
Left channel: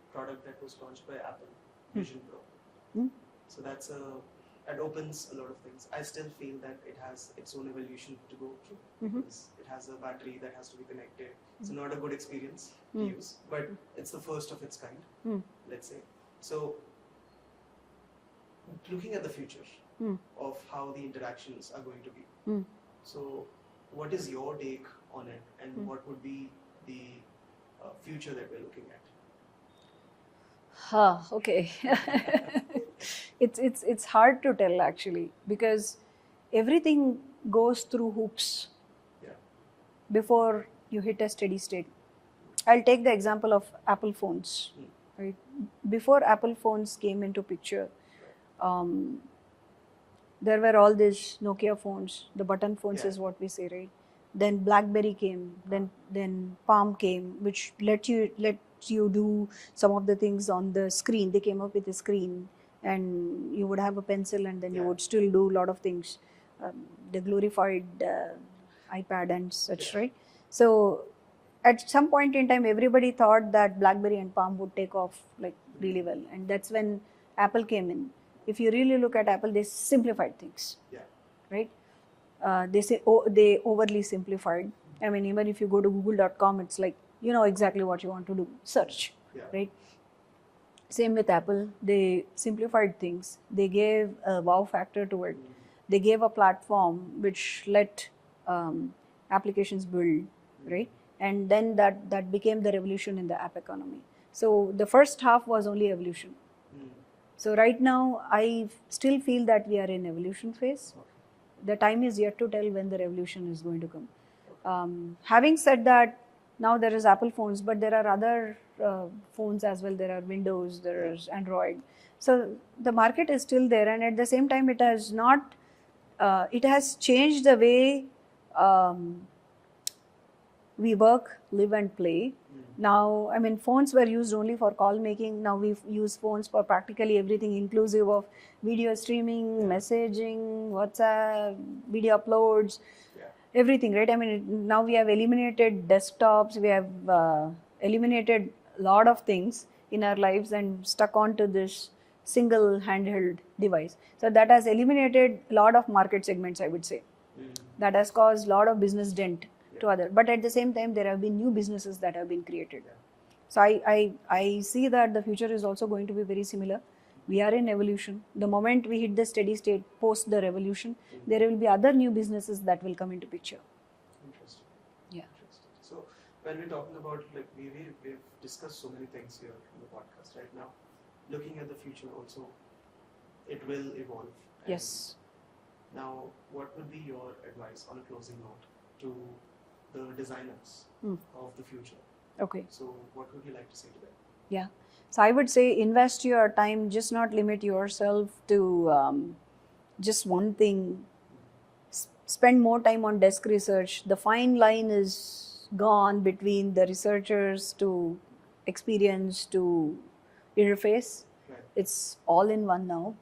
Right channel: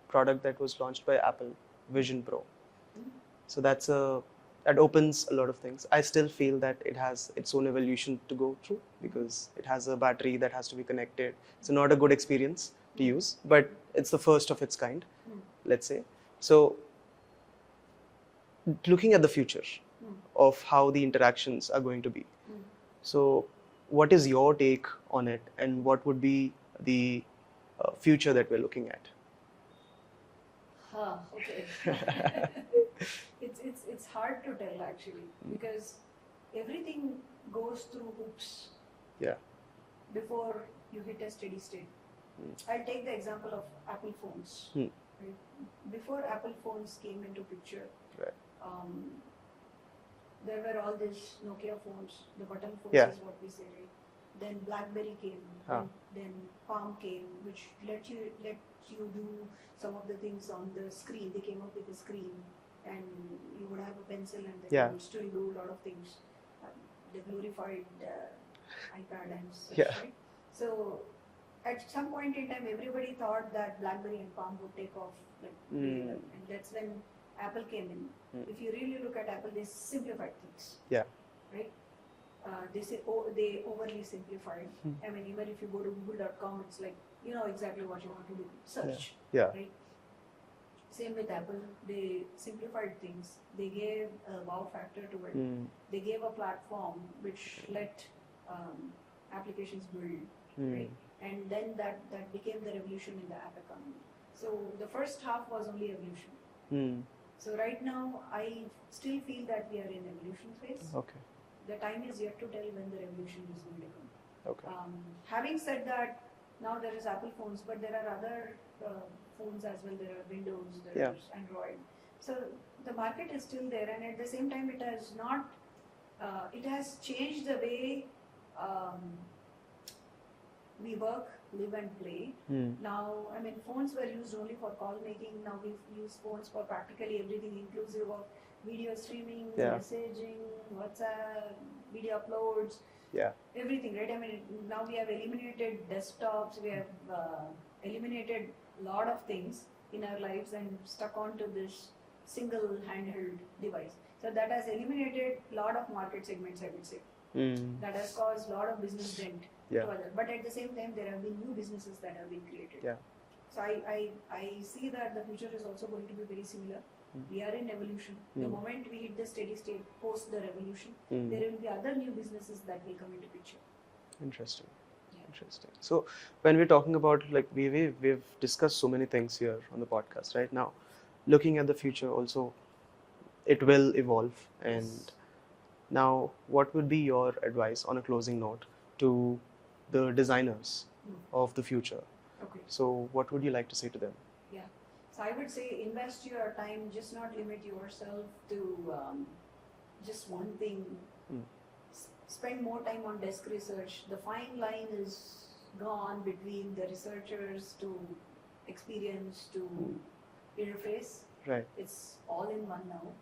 product that was launched by Apple, Vision Pro. So that opens a lot of things. I still feel that it has its own evolution to go through, because it has a battery that has to be connected. It's not a good experience to use, but it's the first of its kind, let's say. So looking at the future of how the interactions are going to be. So what is your take on it, and what would be the future that we're looking at? Okay. It's hard to tell, actually, because everything goes through hoops Yeah. before you hit a steady state. I'll take the example of Apple phones. Right? Before Apple phones came into picture, there were all these Nokia phones. The button phones is what we say, right? Then BlackBerry came. Then Palm came, which let you do some of the things on the screen. They came up with a screen, and you would have a pencil, and then you would still do a lot of things. The glorified iPad and such, right? So at some point in time, everybody thought that BlackBerry and Palm would take off like really well, and that's when Apple came in. If you really look at Apple, they simplified things. Yeah. Right? They overly simplified. I mean, even if you go to google.com, it's like, you know exactly what you want to do. Search. Yeah. Right? Same with Apple. They simplified things. They gave a wow factor to it. They gave a platform which let applications build, right? And then that became the revolution in the app economy. So the first half was only evolution. So right now, I still feel that we are in evolution phase. Okay. The time is yet to tell when the revolution is going to come. Okay. Having said that, now there is Apple phones, but there are other phones as well. There are Windows, there is Android. So the market is still there, and at the same time, it has not. It has changed the way we work, live, and play. Now, I mean, phones were used only for call making. Now we use phones for practically everything, inclusive of video streaming, messaging, WhatsApp, video uploads, everything, right? I mean, now we have eliminated desktops. We have eliminated a lot of things in our lives and stuck onto this single handheld device. So that has eliminated a lot of market segments, I would say. That has caused a lot of business dent. To other, but at the same time, there have been new businesses that have been created. So I see that the future is also going to be very similar. We are in evolution. The moment we hit the steady state post the revolution, Mm. there will be other new businesses that will come into picture. Interesting. Yeah. Interesting. So when we're talking about like we've discussed so many things here on the podcast right now, looking at the future also, it will evolve. And Yes. now, what would be your advice on a closing note to the designers of the future? Okay. So what would you like to say to them? Yeah. So I would say invest your time, just not limit yourself to just one thing. Spend more time on desk research. The fine line is gone between the researchers to experience to interface. Right. It's all in one now.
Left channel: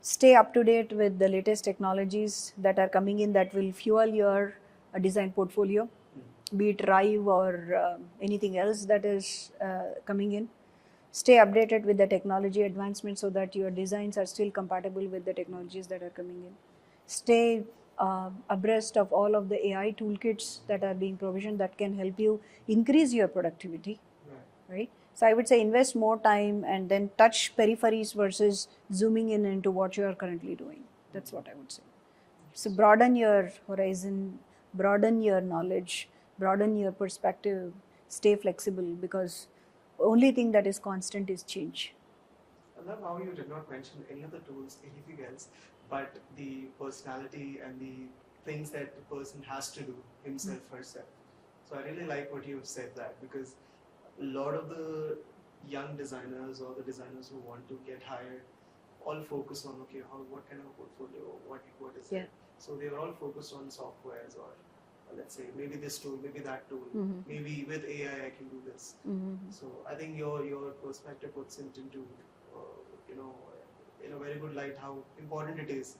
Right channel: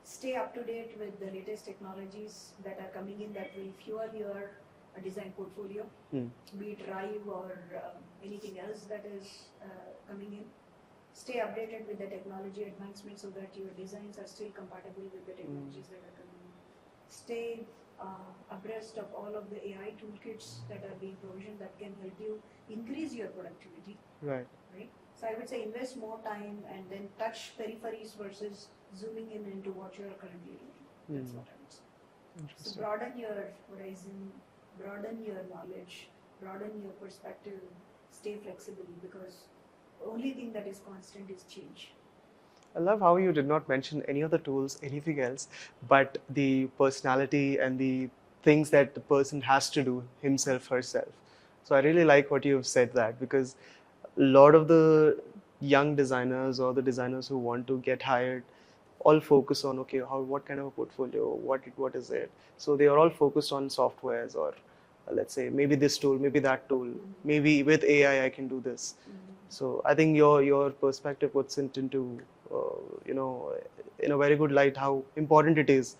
Stay up to date with the latest technologies that are coming in that will fuel your design portfolio, be it Rive or anything else that is coming in. Stay updated with the technology advancement so that your designs are still compatible with the technologies that are coming in. Stay abreast of all of the AI toolkits that are being provisioned that can help you increase your productivity. Right. So I would say invest more time and then touch peripheries versus zooming in into what you are currently doing. That's what I would say. So broaden your horizon, broaden your knowledge, broaden your perspective, stay flexible, because only thing that is constant is change. I love how you did not mention any other tools, anything else, but the personality and the things that the person has to do himself, herself. So I really like what you've said that, because a lot of the young designers or the designers who want to get hired all focus on, okay, what kind of a portfolio, what is it? So they are all focused on softwares, or let's say maybe this tool, maybe that tool, maybe with AI I can do this. So I think your perspective puts it into in a very good light how important it is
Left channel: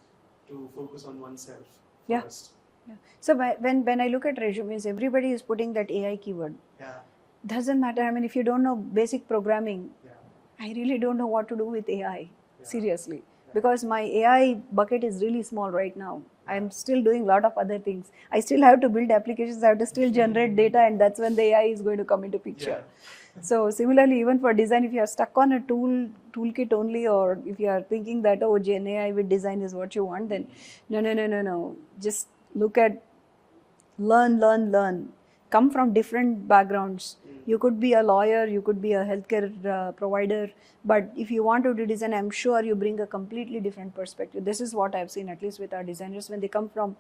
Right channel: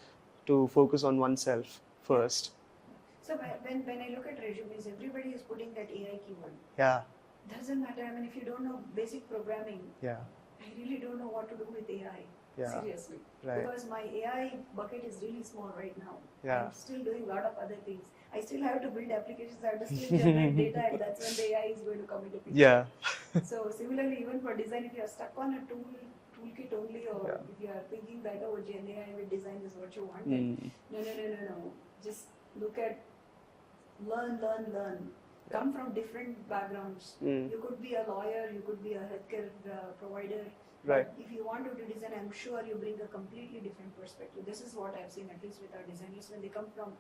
to focus on oneself first. Yeah. So when I look at resumes, everybody is putting that AI keyword. Yeah. Doesn't matter. I mean, if you don't know basic programming, Yeah. I really don't know what to do with AI. Yeah. Seriously. Right. Because my AI bucket is really small right now. Yeah. I'm still doing a lot of other things. I still have to build applications, I have to still generate data, and that's when the AI is going to come into picture. Yeah. So similarly, even for design, if you are stuck on a toolkit only, or if you are thinking that, oh, Gen AI with design is what you want, then no. Just look at, learn. Come from different backgrounds. You could be a lawyer, you could be a healthcare provider, but if you want to do design, I'm sure you bring a completely different perspective. This is what I've seen, at least with our designers, when they come from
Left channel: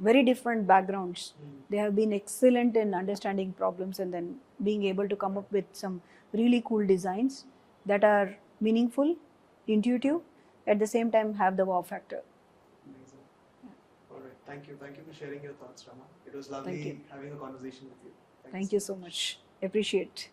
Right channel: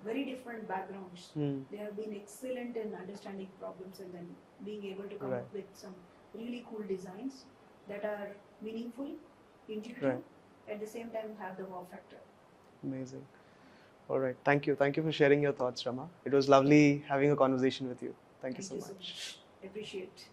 very different backgrounds. They have been excellent in understanding problems and then being able to come up with some really cool designs that are meaningful, intuitive, at the same time have the wow factor. Amazing. All right. Thank you. Thank you for sharing your thoughts, Rama. It was lovely having a conversation with you. Thank you so much. Appreciate.